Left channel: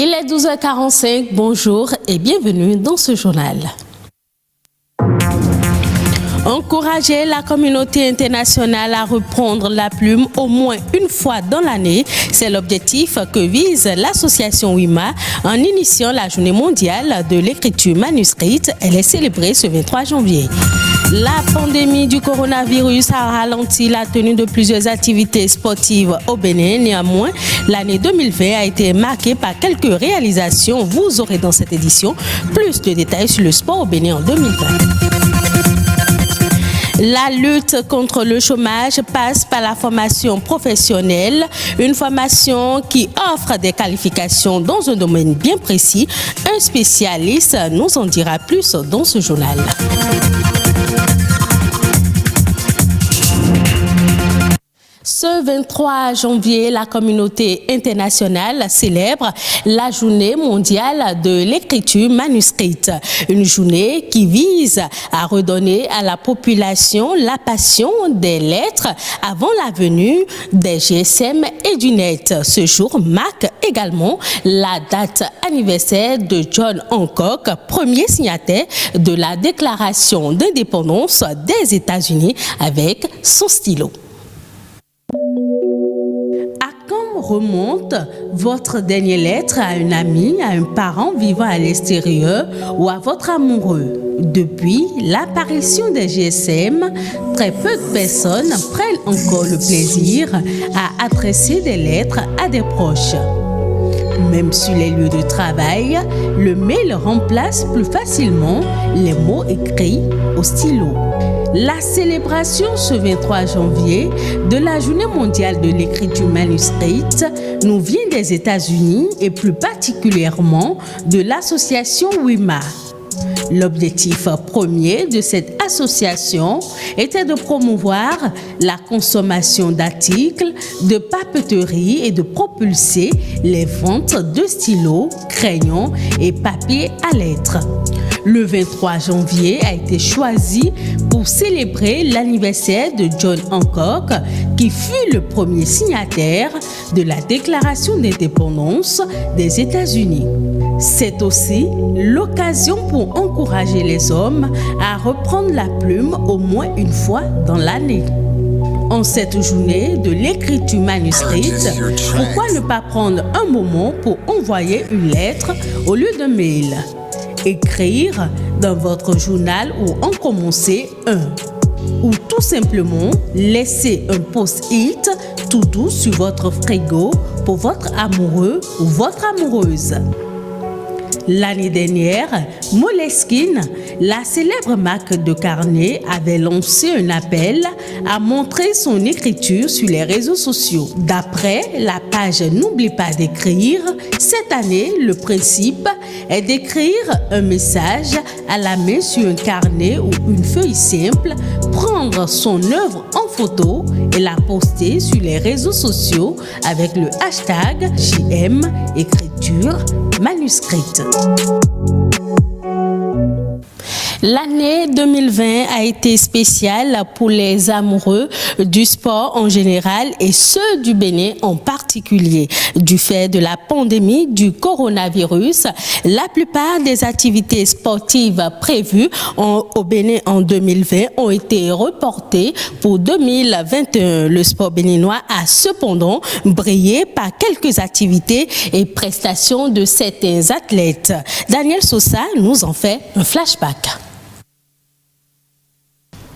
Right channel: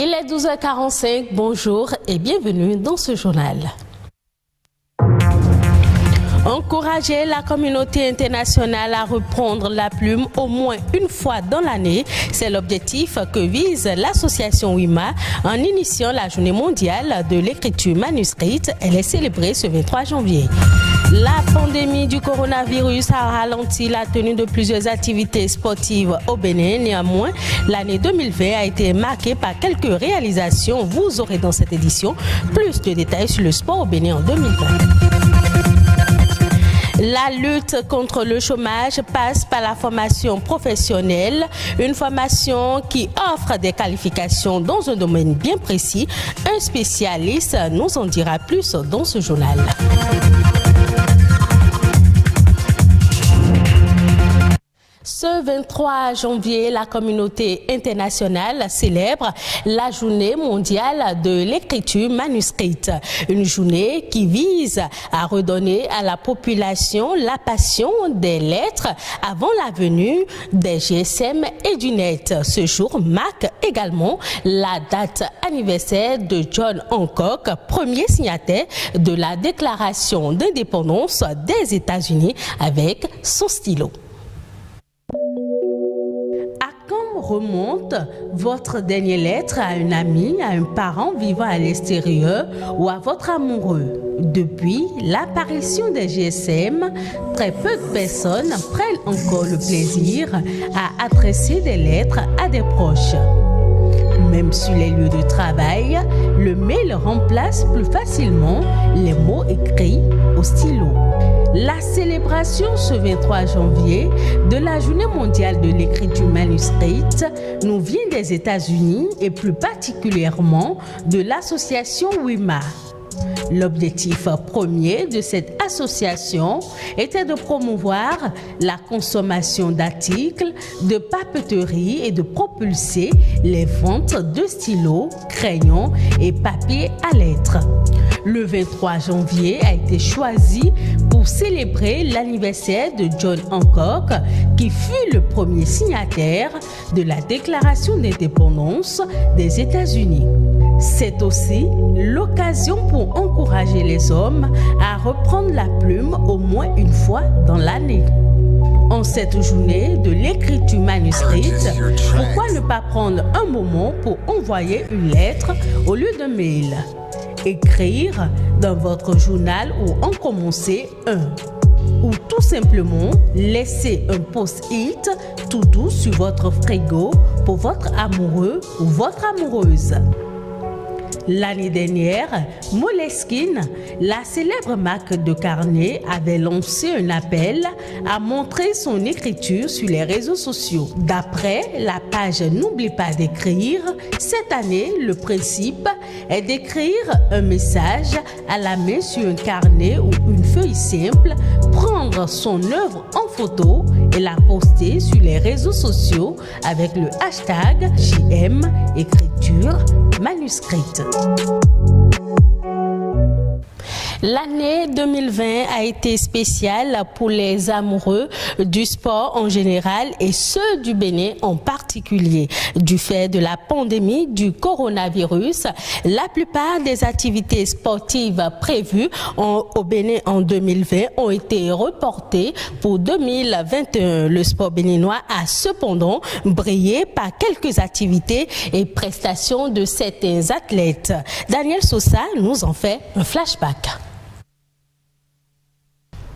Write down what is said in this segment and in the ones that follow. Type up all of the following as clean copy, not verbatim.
Il est 12h45, bonjour et bienvenue dans ce journal. Encourager la communauté internationale à reprendre la plume au moins une fois dans l'année, c'est l'objectif que vise l'association WIMA en initiant la journée mondiale de l'écriture manuscrite. Elle est célébrée ce 23 janvier. La pandémie du coronavirus a ralenti la tenue de plusieurs activités sportives au Bénin. Néanmoins, l'année 2020 a été marquée par quelques réalisations. Vous aurez dans cette édition plus de détails sur le sport au Bénin en 2020. La lutte contre le chômage passe par la formation professionnelle, une formation qui offre des qualifications dans un domaine bien précis. Un spécialiste nous en dira plus dans ce journal. Ce 23 janvier, la communauté internationale célèbre la journée mondiale de l'écriture manuscrite. Une journée qui vise à redonner à la population la passion des lettres avant la venue des GSM et du net. Ce jour marque également la date anniversaire de John Hancock, premier signataire de la Déclaration d'indépendance des États-Unis avec son stylo. Remonte votre dernière lettre à un ami, à un parent vivant à l'extérieur ou à votre amoureux. Depuis l'apparition des GSM, très peu de personnes prennent encore le plaisir à adresser des lettres à des proches. Même sur les lieux de travail, le mail remplace plus facilement les mots écrits au stylo. La célébration ce 23 janvier de la Journée mondiale de l'écriture manuscrite nous vient des États-Unis et plus particulièrement de l'association WIMA. L'objectif premier de cette association était de promouvoir la consommation d'articles de papeterie et de propulser les ventes de stylos, crayons et papier à lettres. Le 23 janvier a été choisi pour célébrer l'anniversaire de John Hancock, qui fut le premier signataire de la Déclaration d'indépendance des États-Unis. C'est aussi l'occasion pour encourager les hommes à reprendre la plume au moins une fois dans l'année. En cette journée de l'écriture manuscrite, pourquoi ne pas prendre un moment pour envoyer une lettre au lieu d'un mail? Écrire dans votre journal ou en commencer un. Ou tout simplement laisser un post-it tout doux sur votre frigo pour votre amoureux ou votre amoureuse. L'année dernière, Moleskine, la célèbre marque de carnet, avait lancé un appel à montrer son écriture sur les réseaux sociaux. D'après la page N'oublie pas d'écrire, cette année, le principe est d'écrire un message à la main sur un carnet ou une feuille simple, prendre son œuvre en photo et la poster sur les réseaux sociaux avec le hashtag JM écriture manuscrite. L'année 2020 a été spéciale pour les amoureux du sport en général et ceux du Bénin en particulier. Du fait de la pandémie du coronavirus, la plupart des activités sportives prévues au Bénin en 2020 ont été reportées pour 2021. Le sport béninois a cependant brillé par quelques activités et prestations de certains athlètes. Daniel Sosa nous en fait un flashback.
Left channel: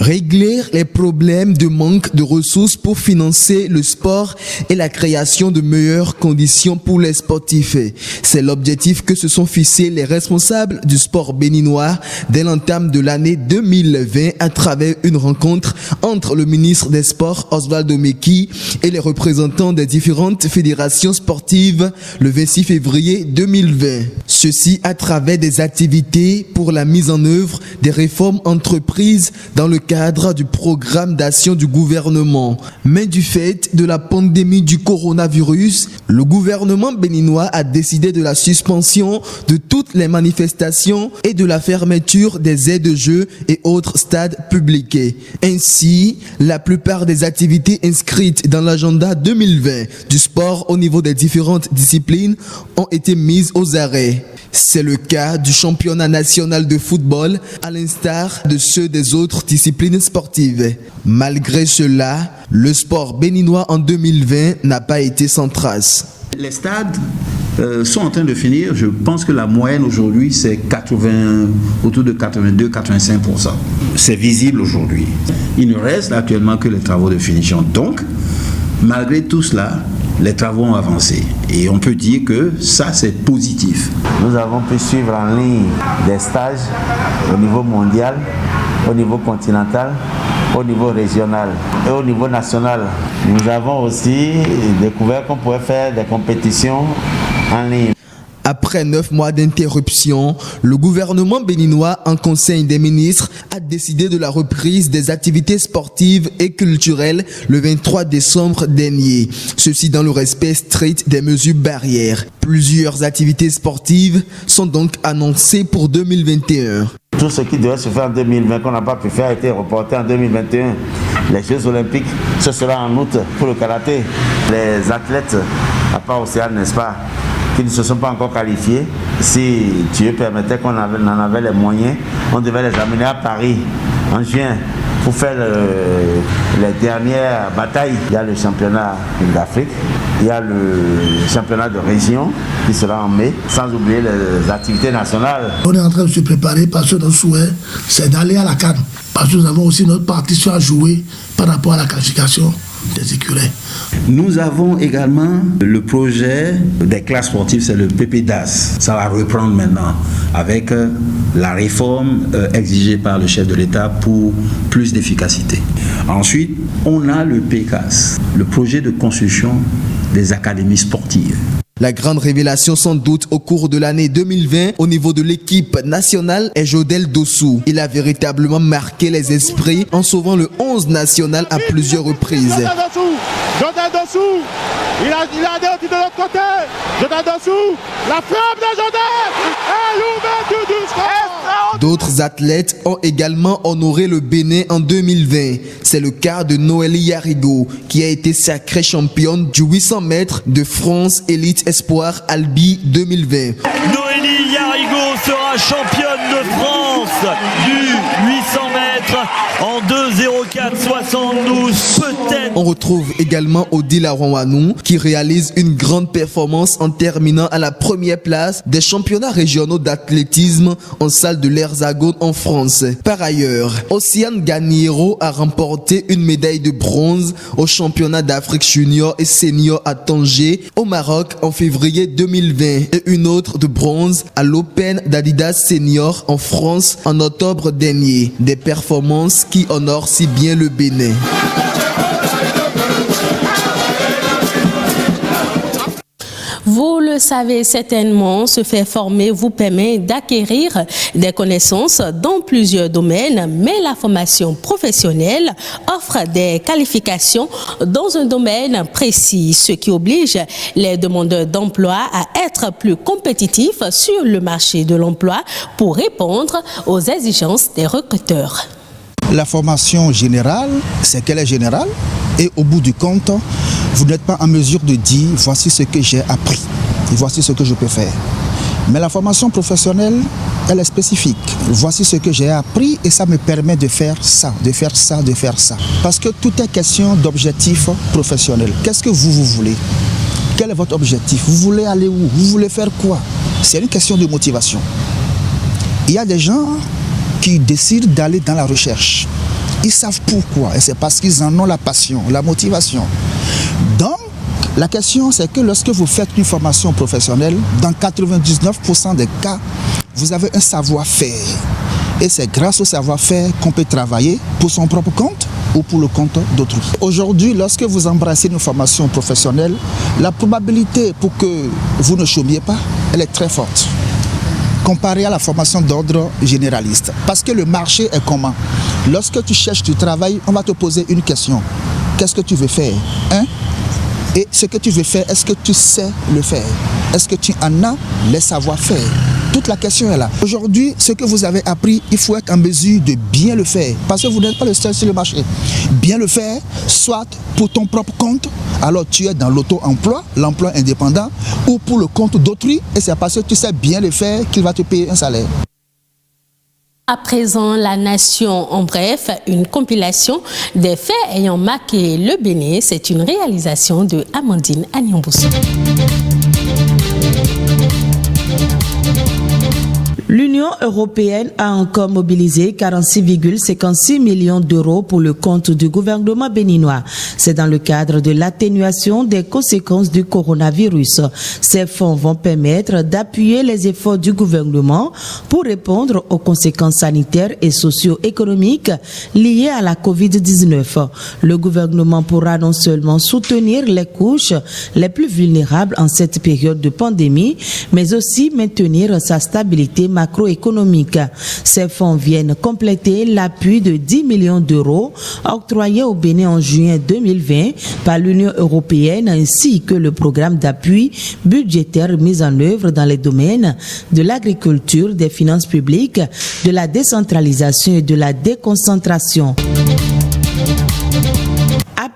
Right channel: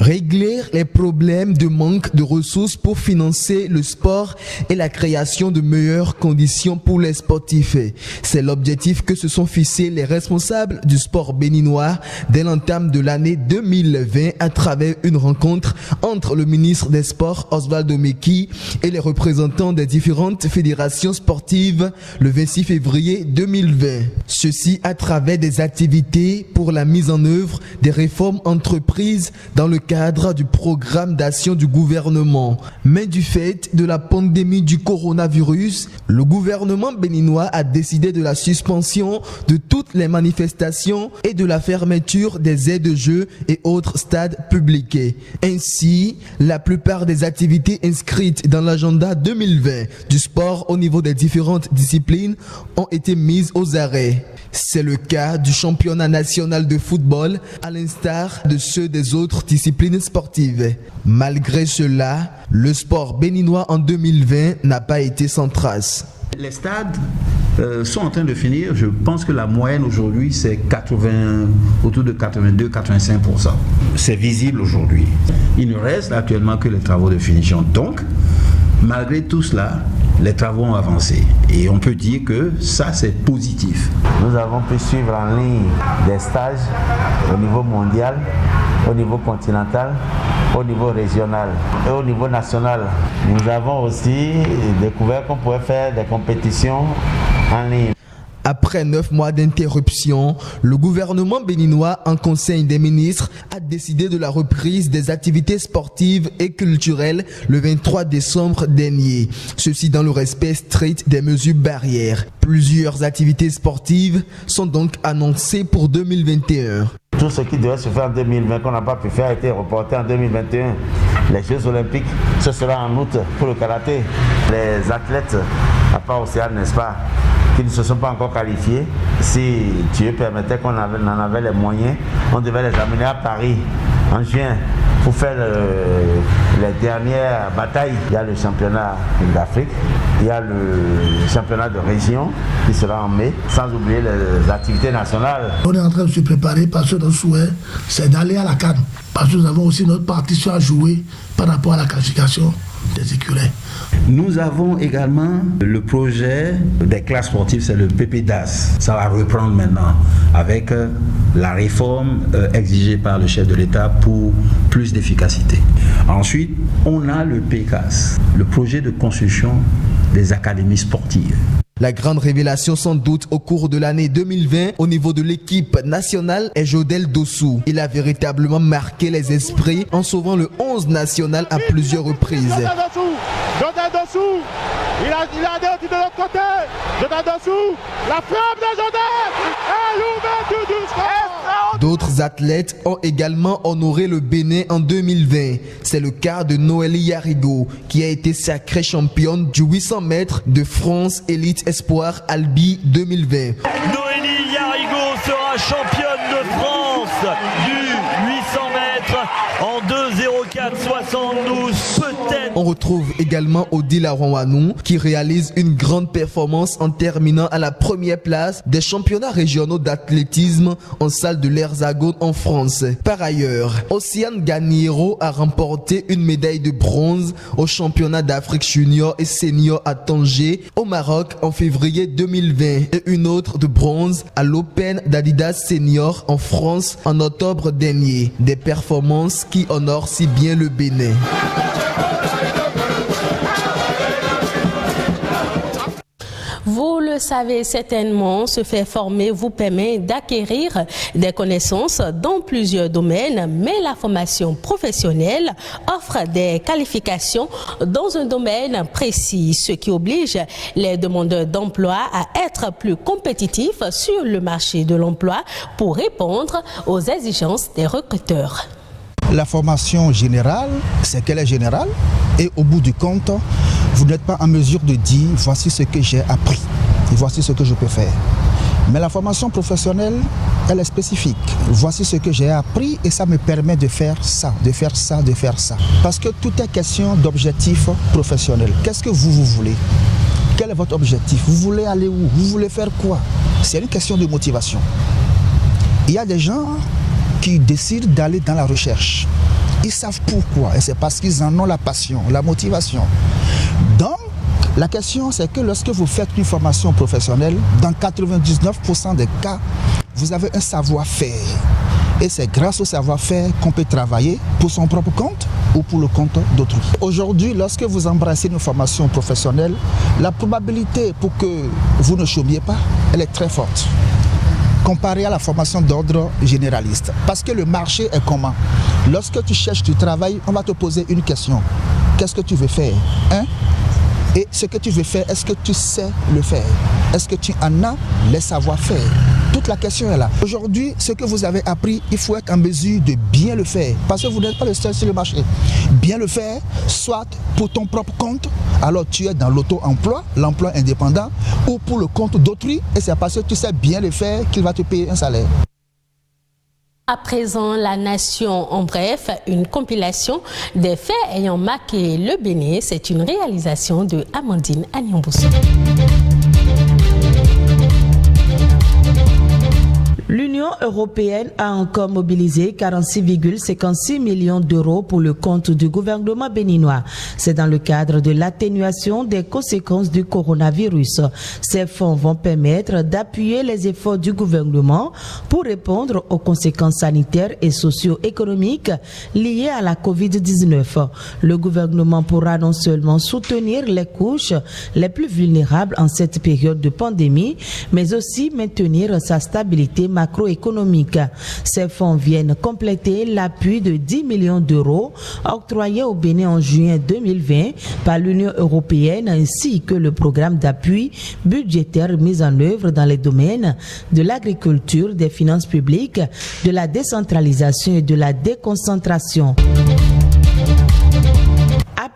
Régler les problèmes de manque de ressources pour financer le sport et la création de meilleures conditions pour les sportifs. C'est l'objectif que se sont fixés les responsables du sport béninois dès l'entame de l'année 2020 à travers une rencontre entre le ministre des Sports Osvaldo Meki et les représentants des différentes fédérations sportives le 26 février 2020. Ceci à travers des activités pour la mise en œuvre des réformes entreprises dans le cadre du programme d'action du gouvernement. Mais du fait de la pandémie du coronavirus, le gouvernement béninois a décidé de la suspension de toutes les manifestations et de la fermeture des aires de jeu et autres stades publics. Ainsi, la plupart des activités inscrites dans l'agenda 2020 du sport au niveau des différentes disciplines ont été mises aux arrêts. C'est le cas du championnat national de football, à l'instar de ceux des autres disciplines sportives. Malgré cela, le sport béninois en 2020 n'a pas été sans trace. Les stades sont en train de finir. Je pense que la moyenne aujourd'hui, c'est autour de 82-85%. C'est visible aujourd'hui. Il ne reste actuellement que les travaux de finition. Donc, malgré tout cela, les travaux ont avancé. Et on peut dire que ça, c'est positif. Nous avons pu suivre en ligne des stages au niveau mondial, au niveau continental, au niveau régional et au niveau national. Nous avons aussi découvert qu'on pouvait faire des compétitions en ligne. Après 9 mois d'interruption, le gouvernement béninois, en conseil des ministres, a décidé de la reprise des activités sportives et culturelles le 23 décembre dernier. Ceci dans le respect strict des mesures barrières. Plusieurs activités sportives sont donc annoncées pour 2021. Tout ce qui devait se faire en 2020, qu'on n'a pas pu faire, a été reporté en 2021. Les Jeux Olympiques, ce sera en août pour le karaté. Les athlètes, à part Océane, n'est-ce pas, qui ne se sont pas encore qualifiés, si Dieu permettait qu'on en avait les moyens, on devait les amener à Paris en juin pour faire les dernières batailles. Il y a le championnat d'Afrique, il y a le championnat de région qui sera en mai, sans oublier les activités nationales. On est en train de se préparer parce que notre souhait, c'est d'aller à la CAN. Parce que nous avons aussi notre partition à jouer par rapport à la qualification des écureuils. Nous avons également le projet des classes sportives, c'est le PPDAS. Ça va reprendre maintenant avec la réforme exigée par le chef de l'État pour plus d'efficacité. Ensuite, on a le PCAS, le projet de construction des académies sportives. La grande révélation sans doute au cours de l'année 2020 au niveau de l'équipe nationale est Jodel Dossou. Il a véritablement marqué les esprits en sauvant le 11 national à plusieurs reprises. Jodel Dossou, il a de l'autre côté. Jodel Dossou, la frappe de Jodel et l'ouverture du score. D'autres athlètes ont également honoré le Bénin en 2020. C'est le cas de Noélie Yarigo qui a été sacrée championne du 800 mètres de France Elite Espoir Albi 2020. Noélie Yarigo sera championne de France du 800 mètres en 2:04:72. Peut-être. On retrouve également Odile Arouanou qui réalise une grande performance en terminant à la première place des championnats régionaux d'athlétisme en salle de l'Hexagone en France. Par ailleurs, Océane Ganiero a remporté une médaille de bronze au championnat d'Afrique junior et senior à Tanger au Maroc en février 2020 et une autre de bronze à l'Open d'Adidas Senior en France en octobre dernier. Des performances qui honorent si bien le Bénin. Vous le savez certainement, se faire former vous permet d'acquérir des connaissances dans plusieurs domaines, mais la formation professionnelle offre des qualifications dans un domaine précis, ce qui oblige les demandeurs d'emploi à être plus compétitifs sur le marché de l'emploi pour répondre aux exigences des recruteurs. La formation générale, c'est qu'elle est générale et au bout du compte, vous n'êtes pas en mesure de dire voici ce que j'ai appris et voici ce que je peux faire. Mais la formation professionnelle, elle est spécifique. Voici ce que j'ai appris et ça me permet de faire ça, de faire ça, de faire ça. Parce que tout est question d'objectif professionnel. Qu'est-ce que vous voulez ? Quel est votre objectif ? Vous voulez aller où ? Vous voulez faire quoi ? C'est une question de motivation. Il y a des gens qui décident d'aller dans la recherche. Ils savent pourquoi et c'est parce qu'ils en ont la passion, la motivation. Donc, la question c'est que lorsque vous faites une formation professionnelle, dans 99% des cas, vous avez un savoir-faire. Et c'est grâce au savoir-faire qu'on peut travailler pour son propre compte ou pour le compte d'autrui. Aujourd'hui, lorsque vous embrassez une formation professionnelle, la probabilité pour que vous ne chômiez pas, elle est très forte. comparé à la formation d'ordre généraliste. Parce que le marché est comment? Lorsque tu cherches du travail, on va te poser une question. Qu'est-ce que tu veux faire? Et ce que tu veux faire, est-ce que tu sais le faire? Est-ce que tu en as les savoir-faire? Toute la question est là. Aujourd'hui, ce que vous avez appris, il faut être en mesure de bien le faire. Parce que vous n'êtes pas le seul sur le marché. Bien le faire, soit pour ton propre compte, alors tu es dans l'auto-emploi, l'emploi indépendant, ou pour le compte d'autrui, et c'est parce que tu sais bien le faire qu'il va te payer un salaire. À présent, la nation, en bref, une compilation des faits ayant marqué le Bénin. C'est une réalisation de Amandine Agnamboussou. L'Union européenne a encore mobilisé 46,56 millions d'euros pour le compte du gouvernement béninois. C'est dans le cadre de l'atténuation des conséquences du coronavirus. Ces fonds vont permettre d'appuyer les efforts du gouvernement pour répondre aux conséquences sanitaires et socio-économiques liées à la COVID-19. Le gouvernement pourra non seulement soutenir les couches les plus vulnérables en cette période de pandémie, mais aussi maintenir sa stabilité macroéconomique. Ces fonds viennent compléter l'appui de 10 millions d'euros octroyé au Bénin en juin 2020 par l'Union européenne ainsi que le programme d'appui budgétaire mis en œuvre dans les domaines de l'agriculture, des finances publiques, de la décentralisation et de la déconcentration.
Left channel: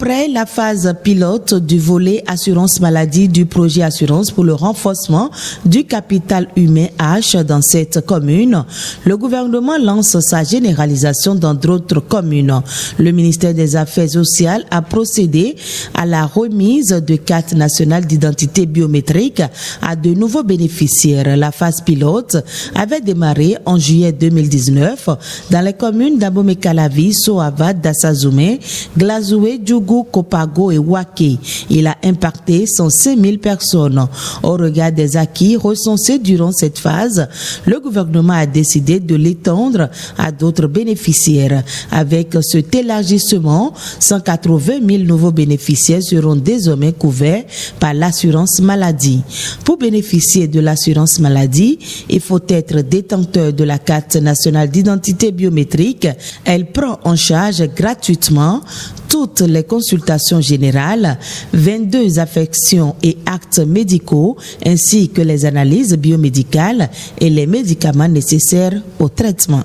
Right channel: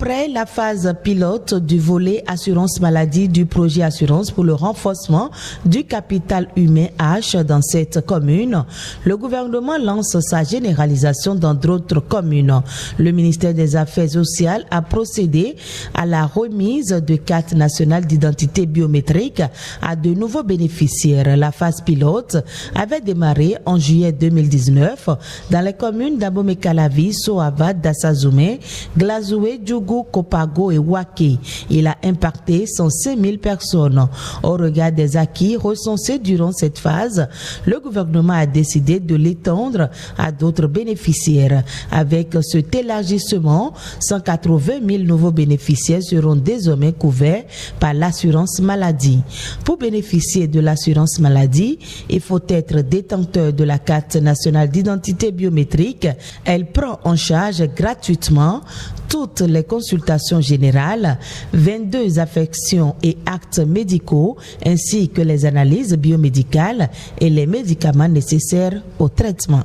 Après la phase pilote du volet assurance maladie du projet assurance pour le renforcement du capital humain H dans cette commune, le gouvernement lance sa généralisation dans d'autres communes. Le ministère des Affaires sociales a procédé à la remise de cartes nationales d'identité biométrique à de nouveaux bénéficiaires. La phase pilote avait démarré en juillet 2019 dans les communes d'Abomey-Calavi, Soavad, Dassazoumé, Glazoué, Djougou, Kopago et Waké. Il a impacté 105 000 personnes. Au regard des acquis recensés durant cette phase, le gouvernement a décidé de l'étendre à d'autres bénéficiaires. Avec cet élargissement, 180 000 nouveaux bénéficiaires seront désormais couverts par l'assurance maladie. Pour bénéficier de l'assurance maladie, il faut être détenteur de la carte nationale d'identité biométrique. Elle prend en charge gratuitement toutes les consultations générales, 22 affections et actes médicaux, ainsi que les analyses biomédicales et les médicaments nécessaires au traitement.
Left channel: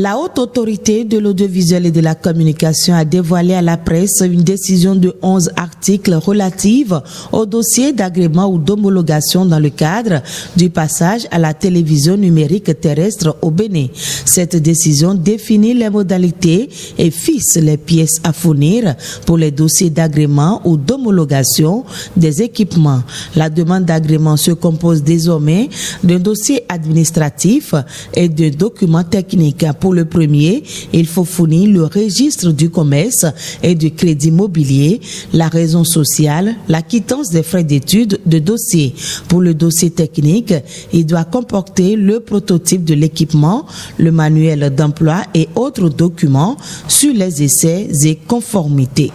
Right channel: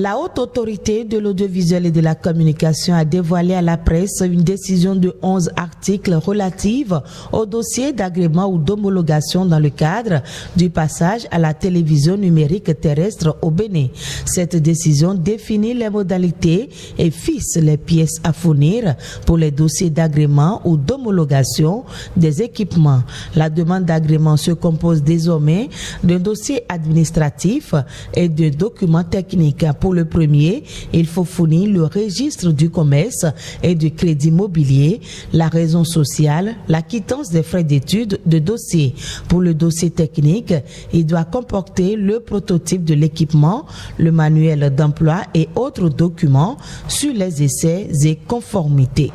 La Haute Autorité de l'Audiovisuel et de la Communication a dévoilé à la presse une décision de 11 articles relative au dossier d'agrément ou d'homologation dans le cadre du passage à la télévision numérique terrestre au Bénin. Cette décision définit les modalités et fixe les pièces à fournir pour les dossiers d'agrément ou d'homologation des équipements. La demande d'agrément se compose désormais d'un dossier administratif et de documents techniques. Pour le premier, il faut fournir le registre du commerce et du crédit mobilier, la raison sociale, la quittance des frais d'études de dossier. Pour le dossier technique, il doit comporter le prototype de l'équipement, le manuel d'emploi et autres documents sur les essais et conformités.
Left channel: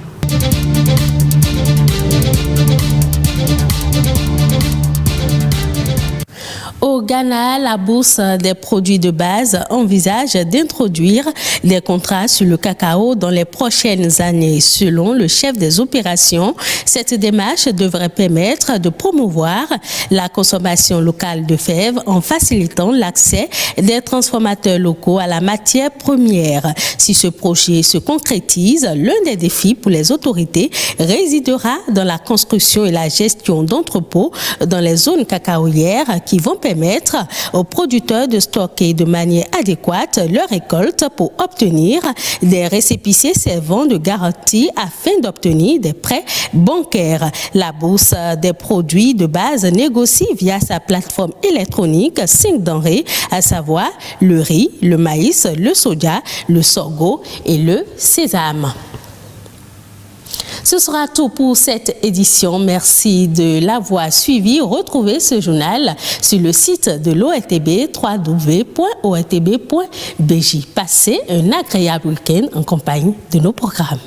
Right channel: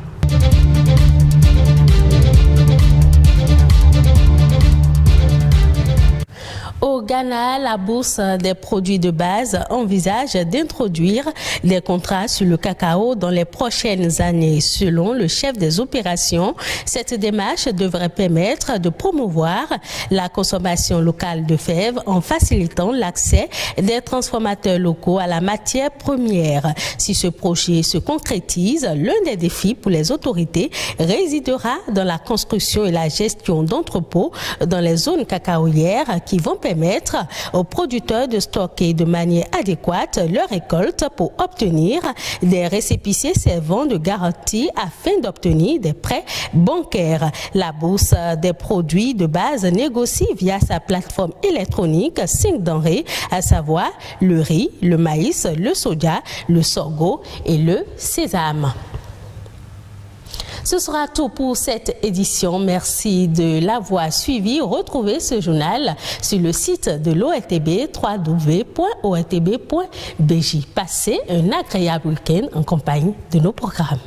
Au Ghana, la Bourse des produits de base envisage d'introduire des contrats sur le cacao dans les prochaines années. Selon le chef des opérations, cette démarche devrait permettre de promouvoir la consommation locale de fèves en facilitant l'accès des transformateurs locaux à la matière première. Si ce projet se concrétise, l'un des défis pour les autorités résidera dans la construction et la gestion d'entrepôts dans les zones cacaoyères qui vont permettre aux producteurs de stocker de manière adéquate leur récolte pour obtenir des récépissés servant de garantie afin d'obtenir des prêts bancaires. La Bourse des produits de base négocie via sa plateforme électronique 5 denrées, à savoir le riz, le maïs, le soja, le sorgho et le sésame. Ce sera tout pour cette édition. Merci de l'avoir suivi. Retrouvez ce journal sur le site de l'ORTB, www.ortb.bj. Passez un agréable week-end en compagnie de nos programmes.